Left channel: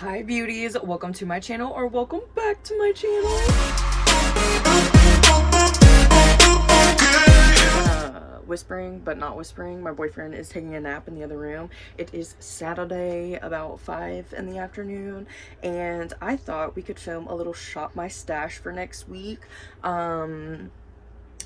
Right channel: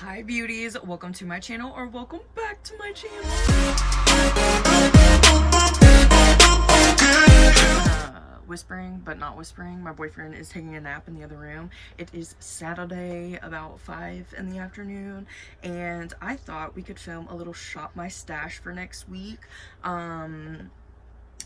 Hi beauties, welcome to my channel, or welcome back to my channel. Whispering but not whispering, my boyfriend is taking a nap in the other room. It is Saturday about 5 in the afternoon, and I thought we could film a little shop my stash for next week.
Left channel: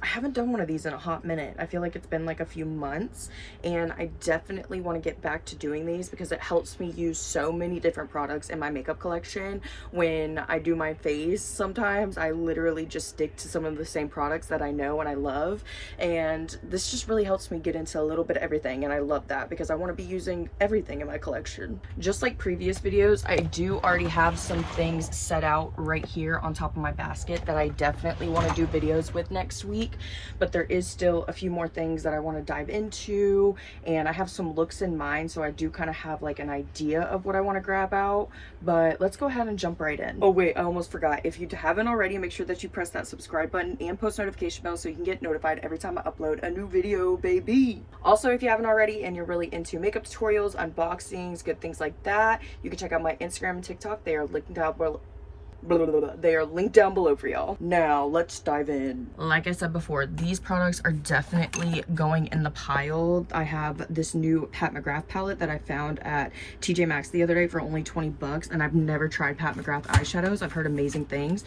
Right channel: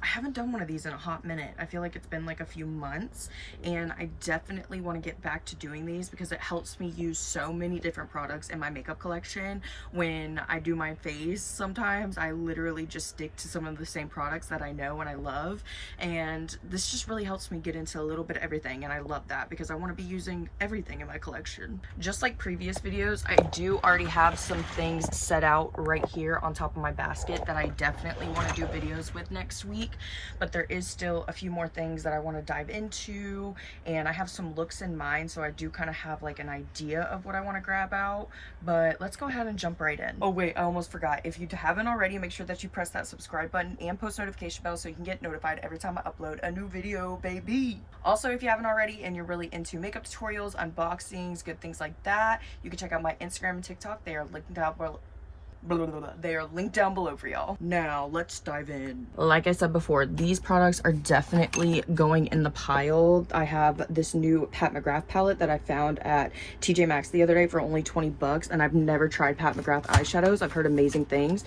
I haven't done one of these in a hot minute. I feel like it's been like a few months, and I definitely want to get back to doing these because it helps me use so many different products in my makeup collection. When I do my face, sometimes I literally just stick to some of the same products that I know and I love, and this just really helps me get into a little bit of everything, and I love that because I want to be using everything in my collection. Just like previous videos, I do already have some things set out right here on top of my basket that I definitely want to do videos with next week. But there is still a few more things that I want to dive into, and I have some looks in mind, so I do kind of have like an idea of what I want to grab out. But let's go ahead and jump right in. Oh wait, I almost forgot. If you haven't already, make sure that you press that subscribe button and post notification bell so you can get notified every time I upload a new video, baby. Also, if you haven't already and you're really into makeup tutorials, unboxings, good things like that, you can check out my Instagram and TikTok. They are linked down below. They are linked down below for y'all. Now let's dive in. Like I said before, these products are definitely going in the pile. I have this new Pat McGrath palette that I found at TJ Maxx the other day for only 20 bucks, and I've never tried Pat McGrath eyeshadows. I've heard amazing things.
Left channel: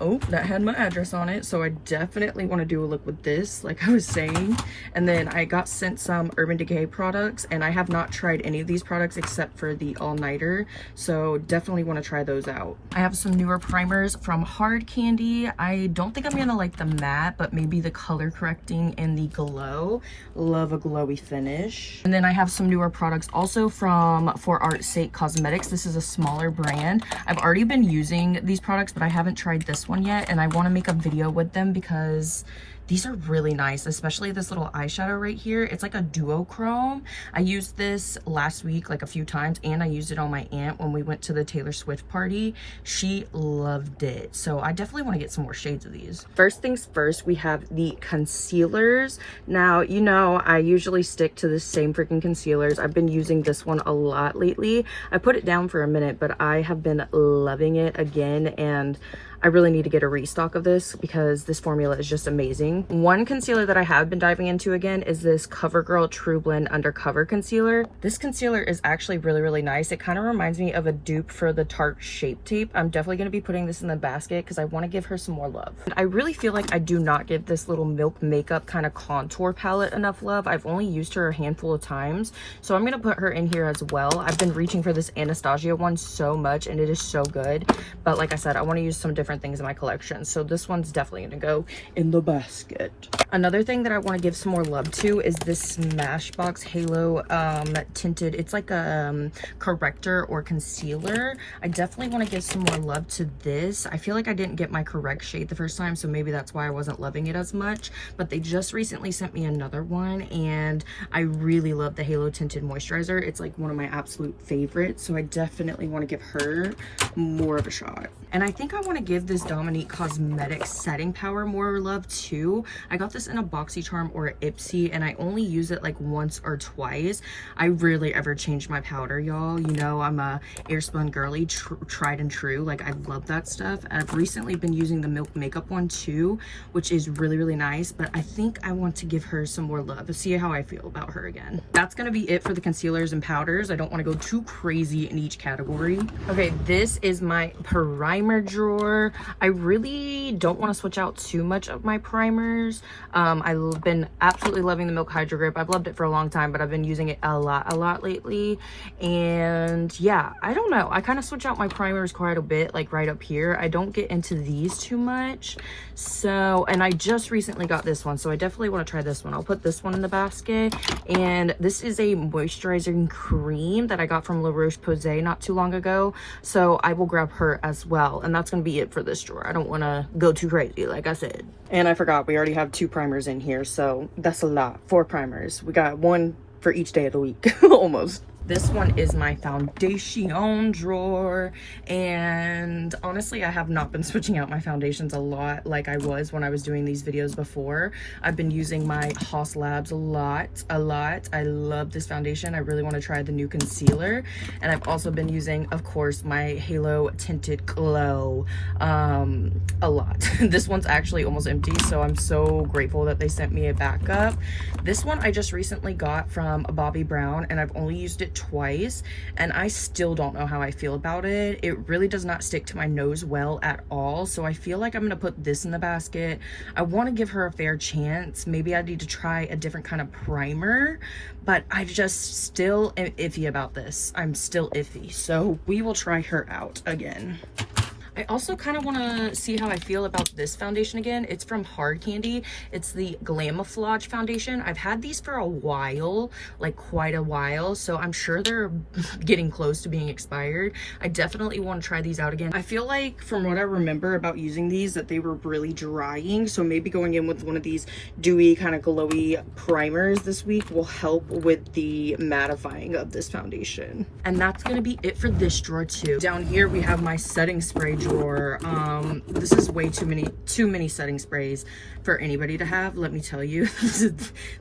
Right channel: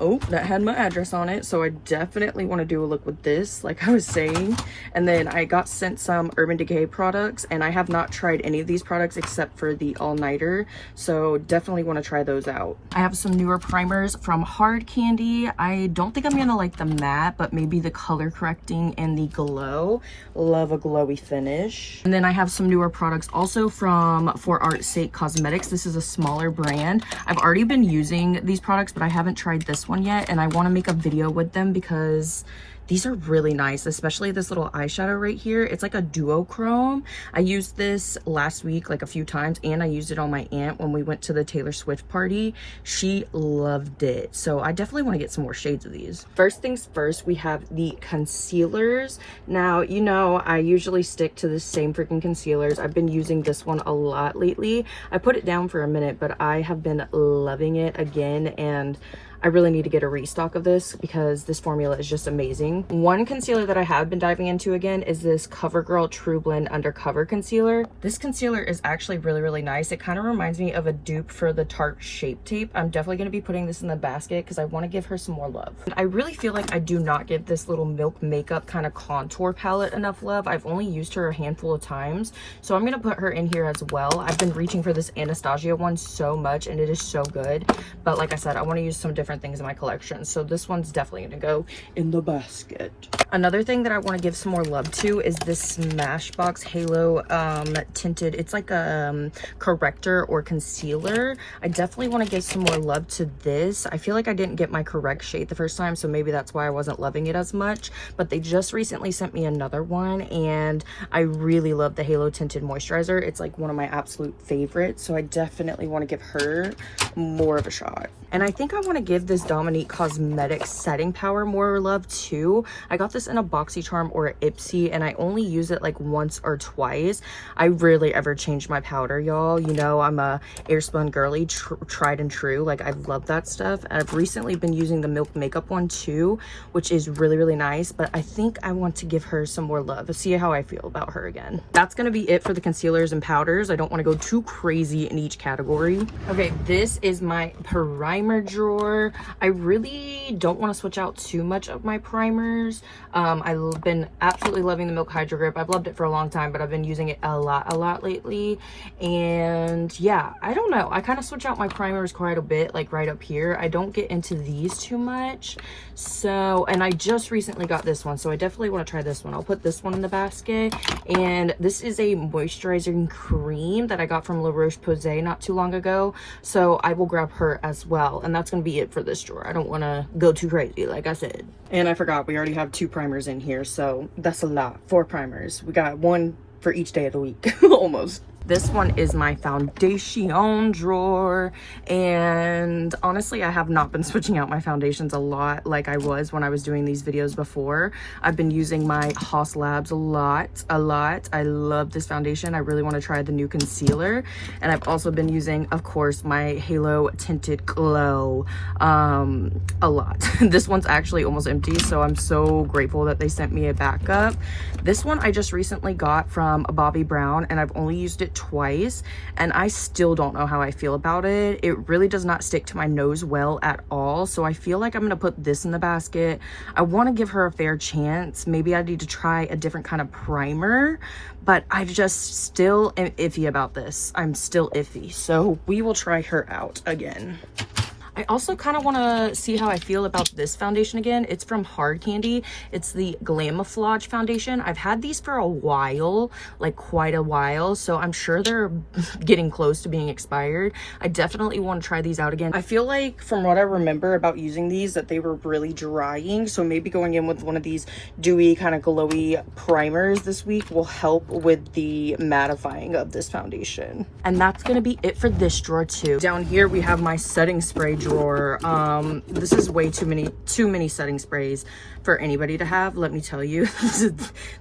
Oh, that had my address on it, so I definitely want to do a look with this, like I was saying. And then I got sent some Urban Decay products, and I have not tried any of these products except for the All Nighter, so definitely want to try those out. I have some newer primers from Hard Candy. I don't think I'm gonna like the matte, but maybe the color correcting and the glow. Love a glowy finish. And then I have some newer products also from For Art's Sake Cosmetics. This is a smaller brand. I've already been using these products, but I haven't tried this one yet, and I want to make a video with them because these are really nice, especially this little eyeshadow right here. It's like a duochrome. I used this last week like a few times, and I used it on my aunt when we went to the Taylor Swift party. She loved it, so I definitely want to get some more shades of these. First things first, we have the concealers. Now, you know, I usually stick to the same freaking concealers. I've been using this one a lot lately. I put it down for a minute, but I have been loving it again, and I really need to get a restock of this because this formula is just amazing. One concealer that I have been diving into again is this CoverGirl True Blend Undercover Concealer. This concealer is actually really nice. It kind of reminds me of a dupe for the Tarte Shape Tape. I'm definitely going to be putting this in the basket because I want to give her some more love. I really feel like I do not give this little Milk Makeup kind of contour palette enough love. I've only used her a handful of times, so I'm going to put her in here as well. I've been reaching for this Anastasia one so much, and it is so good. But like I said, I want to use some different things in my collection, so this one's definitely gonna go in the basket. Another thing that I want to give some more love to is this Smashbox Halo tinted, it's like a corrector or concealer. I definitely want to give some more love to this. I feel like I didn't get my correct shade the first time, so maybe that's why I wasn't loving it as much, but they just recently sent me another one, and I really love the Halo tinted moisturizer. It's like one of my absolute favorites, so I definitely want to give her more of a shot. And I think I want to give this Dominique Cosmetics setting powder more love too. I got this in a BoxyCharm or a Ipsy, and I only use it like once or twice. I rarely ever change my powder, y'all. You know, I'm a Airspun girly, tried and true. Like, I love that stuff. I've recently been using the Milk Makeup one too, which is really nice, but I think I want to give her some more love. See how I feel about her again. That's gonna be it for the concealers and powders. I don't want to go too crazy in each category. Okay, this is my primer drawer. I really don't want to switch out too much of my primers. I've been absolutely loving the Milk Hydro Grip. I've loved it for a long time, but I've been using it a lot lately. And yeah, I don't know. I kind of switch out my primers quite a bit, like right up here. I don't get into these too much. So, and I just recently got this one, so I definitely want to try this one. I'll put this one in the basket. And this is a moisturizing cream that I got from La Roche-Posay not too long ago, so I will grab her as well. And that's gonna be it for this drawer. I don't want to go too crazy, like I said. And I forgot, we already have 2 primers in here, so that's a lot. 4 primers. We got one for each day of the week. Almost. This one is my foundation drawer, and honestly I have not been switching out my foundations a lot like I was when I was doing these videos before. I've been using my Haus Labs a lot. I love this foundation. I really want to try the new concealer, and I've also been using, of course, my Halo Tinted Glow a lot. This one's actually almost empty, so I'm so grateful that they sent me a backup. This one I just recently got from Bobbi Brown, and I've only used it twice, and I still don't know how I feel about it. It really does not stick to my nose well at all, so I feel like I'm gonna put this in the basket. I want to give her a fair chance. Maybe I need to try a different kind of primer, but I just still am iffy about this. I'm still iffy, so we will try her out again. I also kind of want to see how I feel about this foundation again. It's from Hard Candy. It's the Glamouflage foundation. I've had these for a while, like quite a while, so I'm sure they're getting close to being expired. I definitely want to try these out again. I feel like from what I remember about using these that they were really drying, so maybe going in with one of these dewy kind of glowy primers this week will help with the mattifying of this foundation. And that's going to be it for this drawer too. Down here we have my setting spray drawer. This is way too many setting sprays for anybody to have, let me tell you.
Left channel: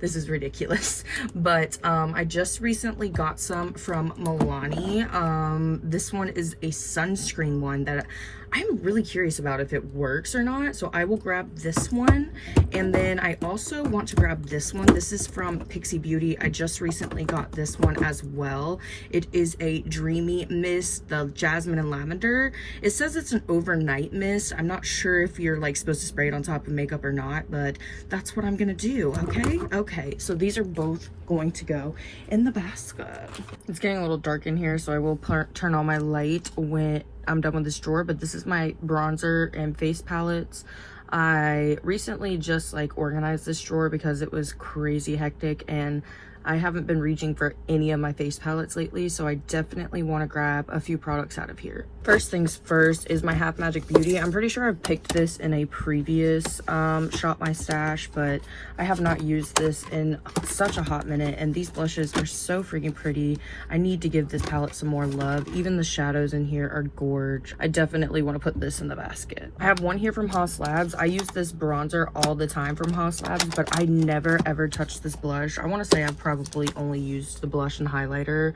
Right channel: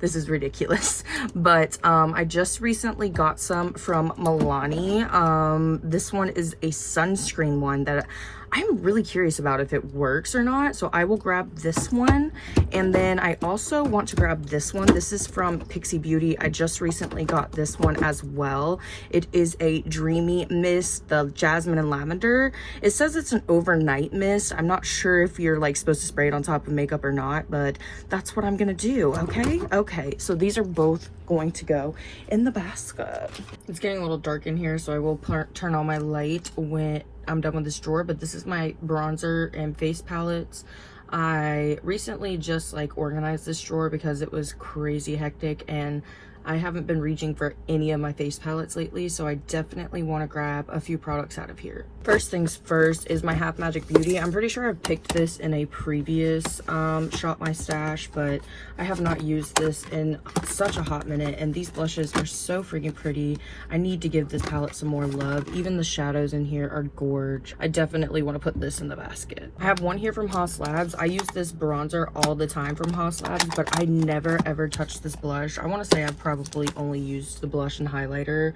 This is ridiculous. But I just recently got some from Milani. This one is a sunscreen one that I'm really curious about if it works or not, so I will grab this one. And then I also want to grab this one. This is from Pixi Beauty. I just recently got this one as well. It is a Dreamy Mist, the Jasmine and Lavender. It says it's an overnight mist. I'm not sure if you're like supposed to spray it on top of makeup or not, but that's what I'm gonna do. Okay, so these are both going to go in the basket. It's getting a little dark in here, so I will turn on my light when I'm done with this drawer. But this is my bronzer and face palettes. I recently just like organized this drawer because it was crazy hectic and I haven't been reaching for any of my face palettes lately, so I definitely want to grab a few products out of here. First things first is my Half Magic Beauty. I'm pretty sure I've picked this in a previous Shop My Stash, but I have not used this in such a hot minute, and these blushes are so freaking pretty. I need to give this palette some more love. Even the shadows in here are gorge. I definitely want to put this in the basket. I have one here from Haus Labs. I use this bronzer all the time from Haus Labs, but I never ever touched this blush. I want to say I've probably only used the blush and highlighter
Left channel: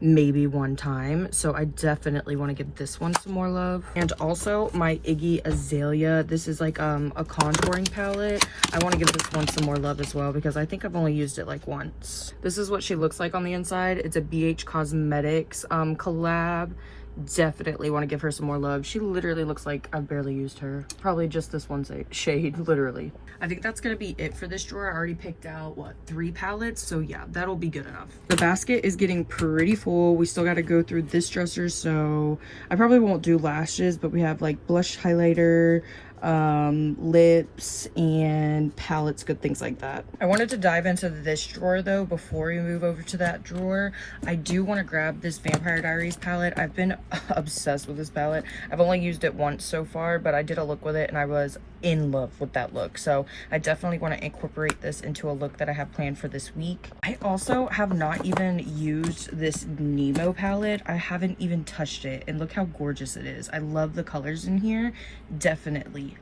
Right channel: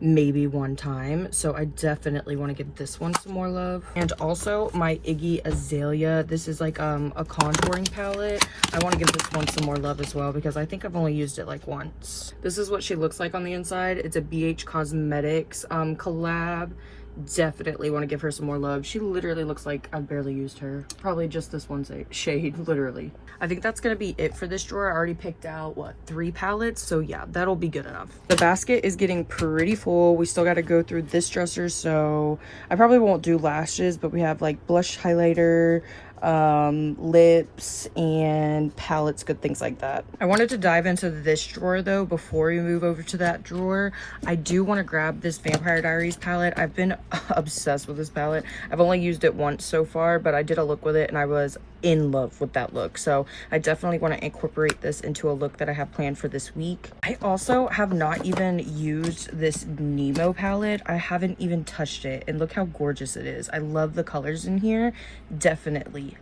maybe one time, so I definitely want to give this one some more love. And also my Iggy Azalea, this is like a contouring palette. I want to give this one some more love as well because I think I've only used it like once. This is what she looks like on the inside. It's a BH Cosmetics collab. Definitely want to give her some more love. She literally looks like I've barely used her. Probably just this one shade, literally. I think that's gonna be it for this drawer. I already picked out, what, 3 palettes? So yeah, that'll be good enough. The basket is getting pretty full. We still got to go through this dresser, so I probably won't do lashes, but we have like blush, highlighter, lips, and palettes, good things like that. I wanted to dive into this drawer though before we move over to that drawer. I do want to grab this Vampire Diaries palette. I've been obsessed with this palette. I've only used it once so far, but I did a look with it and I was in love with that look, so I definitely want to incorporate this into a look that I have planned for this week. I also have not even used this Nemo palette. I haven't even touched it, and look how gorgeous it is. I love the colors in here. Definitely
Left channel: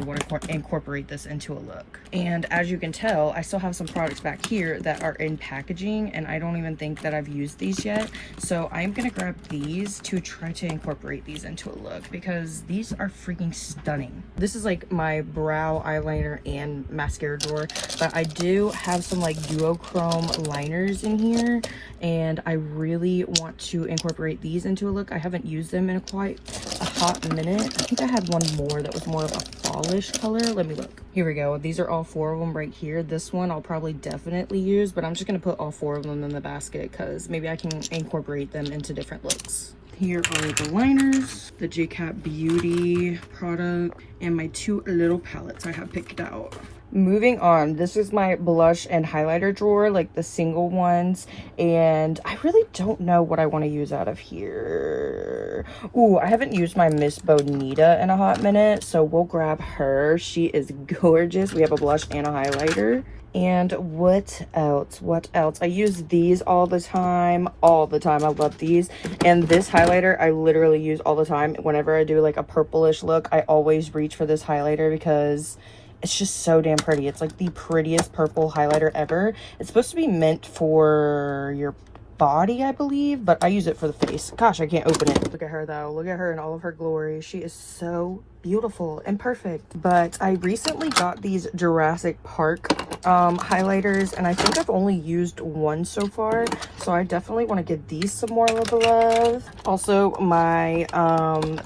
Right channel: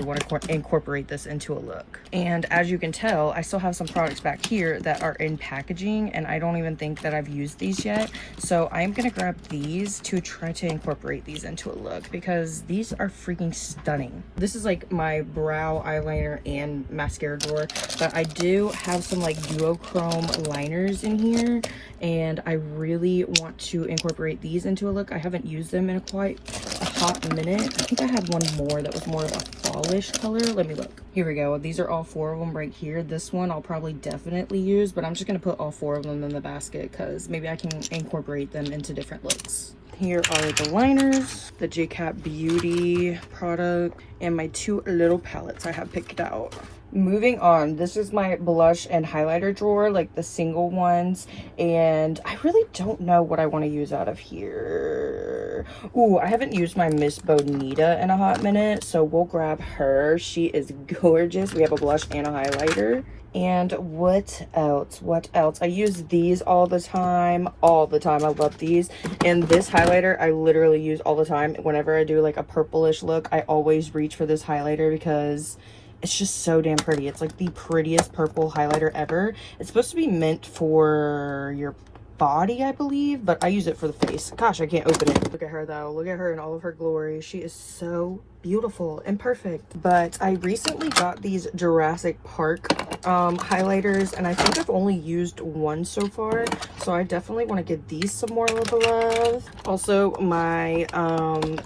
want to incorporate this into a look. And as you can tell, I still have some products back here that are in packaging, and I don't even think that I've used these yet, so I'm gonna grab these to try to incorporate these into a look because these are freaking stunning. This is like my brow eyeliner and mascara drawer, but I do have some like duochrome liners in here, and I really want to incorporate these into a look. I haven't used them in quite a hot minute. I think I had one more that was more of a fallish color. Let me look. Here we go. These are all 4 of them right here. This one I'll probably definitely use, but I'm just gonna put all 4 of them in the basket because maybe I can incorporate them into different looks. Here are the liners, the JCat Beauty product, and my 2 little palettes I have picked out. Moving on, this is my blush and highlighter drawer, like the single ones, and I really don't know what I want to use out of here. Ooh, I haven't used my Miss Bonita in a hot minute, so we'll grab her. She is gorgeous. We have a blush and a highlighter. And what else? What else? I use these all the time. All the time. I love these. And this highlighter I literally use all the time. Whenever I do like a purplish look, I always reach for this highlighter because it's just so damn pretty. It's like the prettiest purple highlighter ever. It's supposed to be meant for your body, I believe, but I use it for the face. Gosh, I can't open it. Look at her though. Look at her in all of her glory. She is so beautiful and perfect. But I recently got these Jurassic Park highlighters, and I think I've only used one so far, so I definitely want to give these some more love. Also, my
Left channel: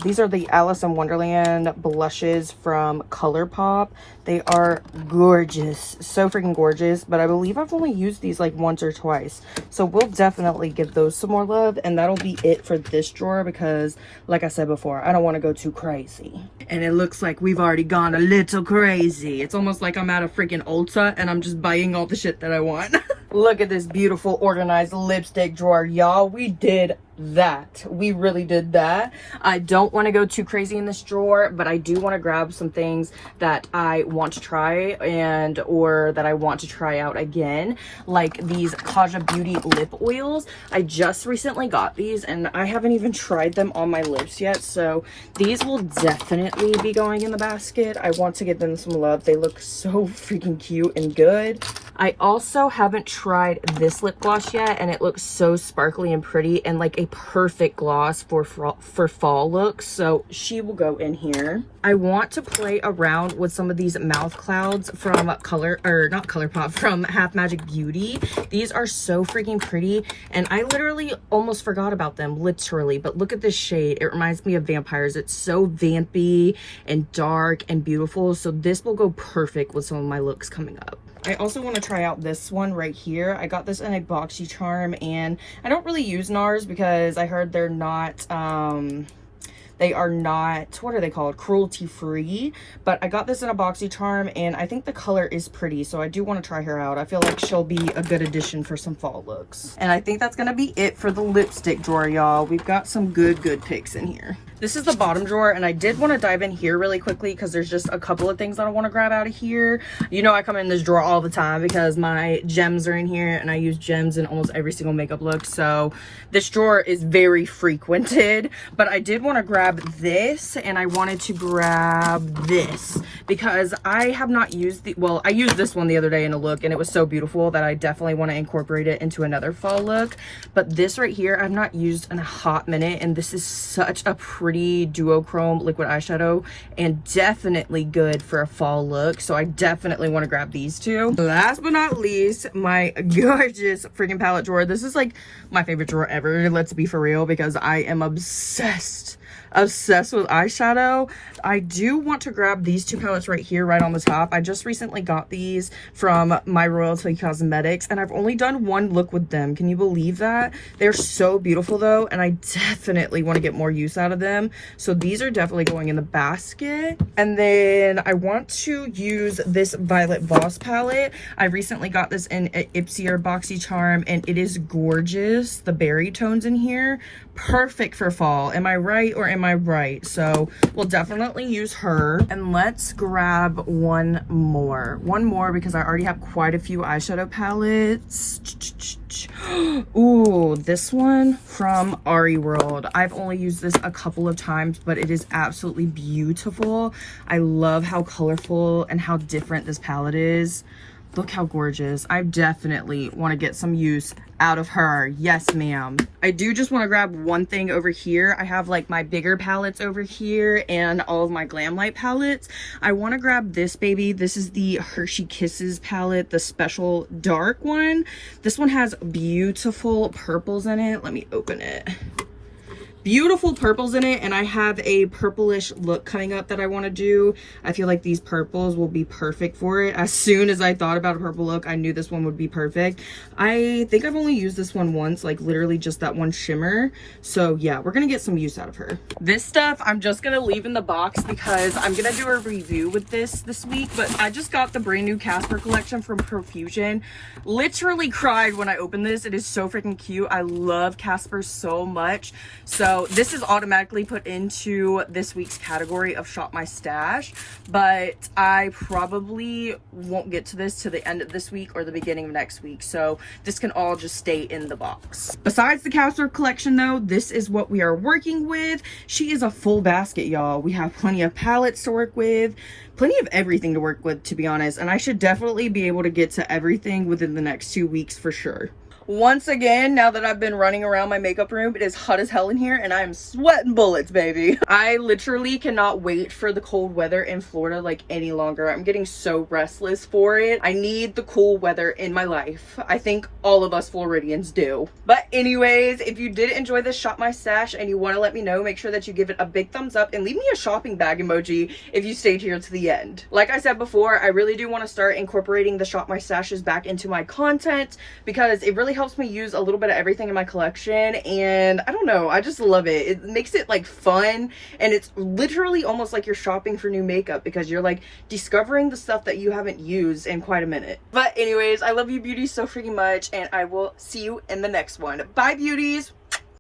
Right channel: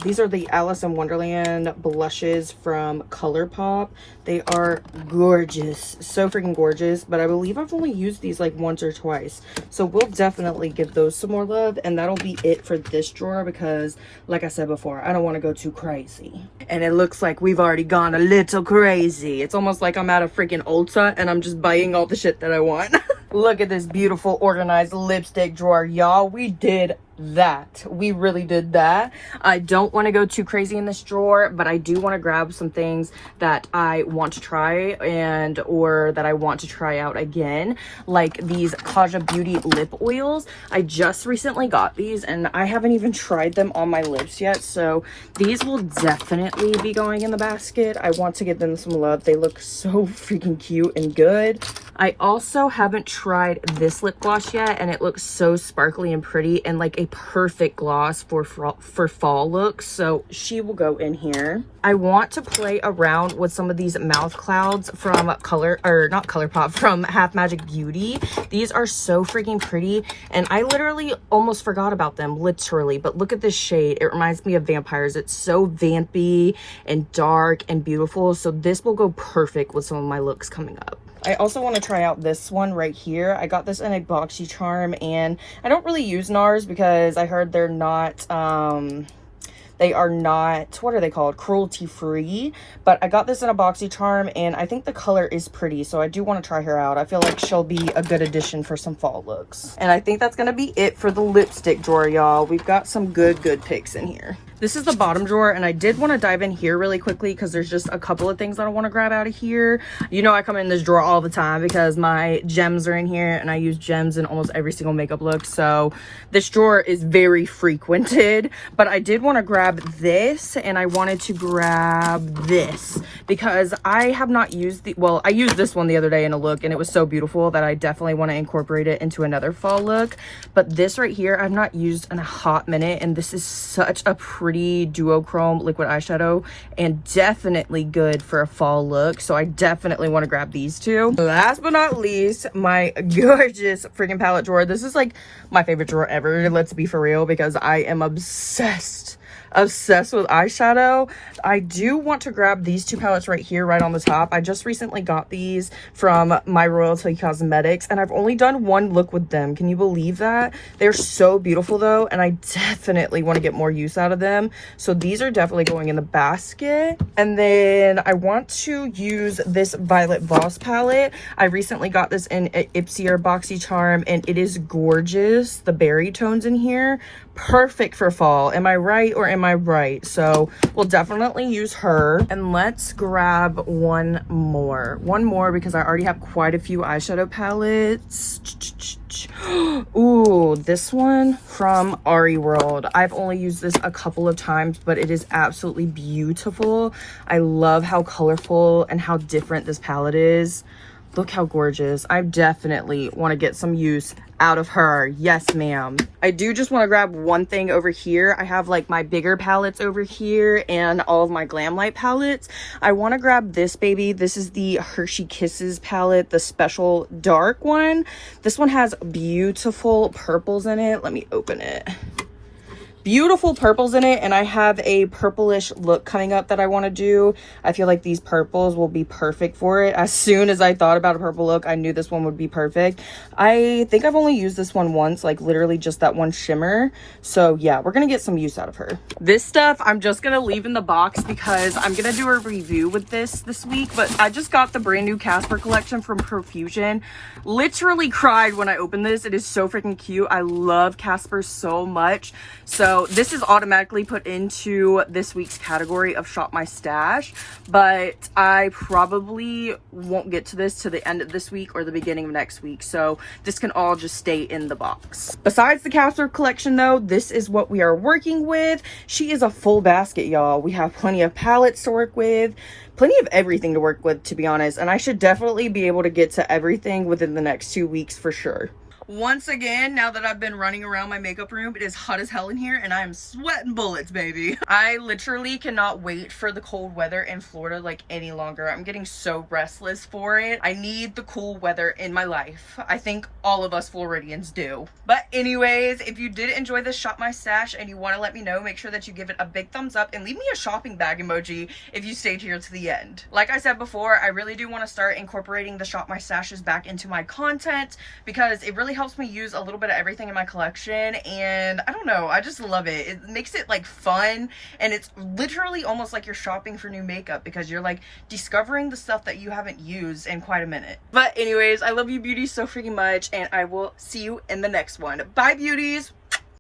these are the Alice in Wonderland blushes from ColourPop. They are gorgeous, so freaking gorgeous, but I believe I've only used these like once or twice, so we'll definitely give those some more love. And that'll be it for this drawer because, like I said before, I don't want to go too crazy. And it looks like we've already gone a little crazy. It's almost like I'm at a freaking Ulta and I'm just buying all the shit that I want. Look at this beautiful organized lipstick drawer, y'all. We did that. We really did that. I don't want to go too crazy in this drawer, but I do want to grab some things that I want to try or that I want to try out again, like these Kaja Beauty lip oils. I just recently got these and I haven't even tried them on my lips yet, so these will definitely be going in the basket. I want to give them some love. They look so freaking cute and good. I also haven't tried this lip gloss yet, and it looks so sparkly and pretty and like a perfect gloss for fall looks, so she will go in here. I want to play around with some of these mouth clouds from not ColourPop, from Half Magic Beauty. These are so freaking pretty, and I literally almost forgot about them, literally. But look at this shade. It reminds me of vampires. It's so vampy and dark and beautiful, so this will go perfect with some of my looks coming up. I also want to try out this one right here. I got this in a BoxyCharm, and I don't really use NARS because I heard they're not they are not, what are they called, cruelty free, but I got this in a BoxyCharm and I think the color is pretty, so I do want to try her out. I feel like she'll be a good addition for some fall looks. And I think that's gonna be it for the lipstick drawer, y'all. We've got some good picks in here. This is the bottom drawer, and I did want to dive in here really quickly because there's just a couple of things that I want to grab out of here. You know, I come in this drawer all the time because my gems are in here, and I use gems in almost every single makeup look, so this drawer is very frequented. But I did want to grab this, and I wanted to grab this because I have not used I used this one the other day in a look, and it was so beautiful that I definitely want to incorporate it into another fall look. But this right here, I've not used in a hot minute, and this is such a pretty duochrome liquid eyeshadow and definitely good for a fall look, so I definitely want to grab these two. Last but not least, my gorgeous freaking palette drawer. This is like my favorite drawer ever, let's be for real, because I am obsessed with eyeshadow. I do want to grab these two palettes right here, right on the top. I just recently got these from My Royalty Cosmetics, and I've only done one look with them. Can you believe that? They're so beautiful though, and I definitely want to get more use out of them. So these are definitely going in the basket. And then I want to use this Violet Voss palette. I recently got this in Ipsy or BoxyCharm, and it is gorgeous. The berry tones in here, perfect for fall. Am I right or am I right? So we'll definitely use her. And let's grab one more because I already have quite a few eyeshadow palettes. Ooh, this one from Ari World. I've only used this a couple of times, but it is absolutely beautiful. I love how colorful and how different this palette is. Look how gorgeous. I definitely want to get some use out of her. Yes, ma'am. I do just want to grab one thing over here. I have like my bigger palettes over here and all of my Glamlite palettes. I want to grab this baby. This is the Hershey Kisses palette, the special dark one. This one has beautiful purples in it. Let me open it. Beautiful purples in it, and I have a purplish look coming up that I want to do. I feel like these purples will be perfect for it. As soon as I thought about a purple look, I knew this one would be perfect. I think I've only used this one once, like literally just that one shimmer. So yeah, we're gonna get some use out of her. This stuff I'm just gonna leave in the box because I'm gonna do a review with this week, but I just got the brand new Casper collection from Profusion. Literally cried when I opened this. It is so freaking cute. I love Casper so much. So this is automatically put into this week's category of shop my stash, but I probably won't get to this to the end of this week or the beginning of next week. So this can all just stay in the box. Besides the Casper collection though, this is what we are working with. She is a full basket, y'all. We have plenty of palettes to work with, plenty of everything to work with, to be honest. And I should definitely be able to get to everything within the next 2 weeks for sure. Once again, now that I've been running around my makeup room, it is hot as hell in here and I'm sweating bullets, baby. I literally cannot wait for the cold weather in Florida like any longer. I'm getting so restless for it. I need the cool weather in my life. I think all of us Floridians do. But anyways, if you did enjoy this Shop My Stash and you want to let me know, make sure that you give it a big thumbs up and leave me a shopping bag emoji if you stayed here to the end. Like I said before, I really do want to start incorporating the Shop My Stashes back into my content because it really helps me use a little bit of everything in my collection, and I don't know, I just love it. It makes it like fun, and it's literally almost like you're shopping for new makeup because you're like discovering the stuff that you haven't used in quite a minute. But anyways, I love you beauties so freaking much, and I will see you in the next one. Bye beauties.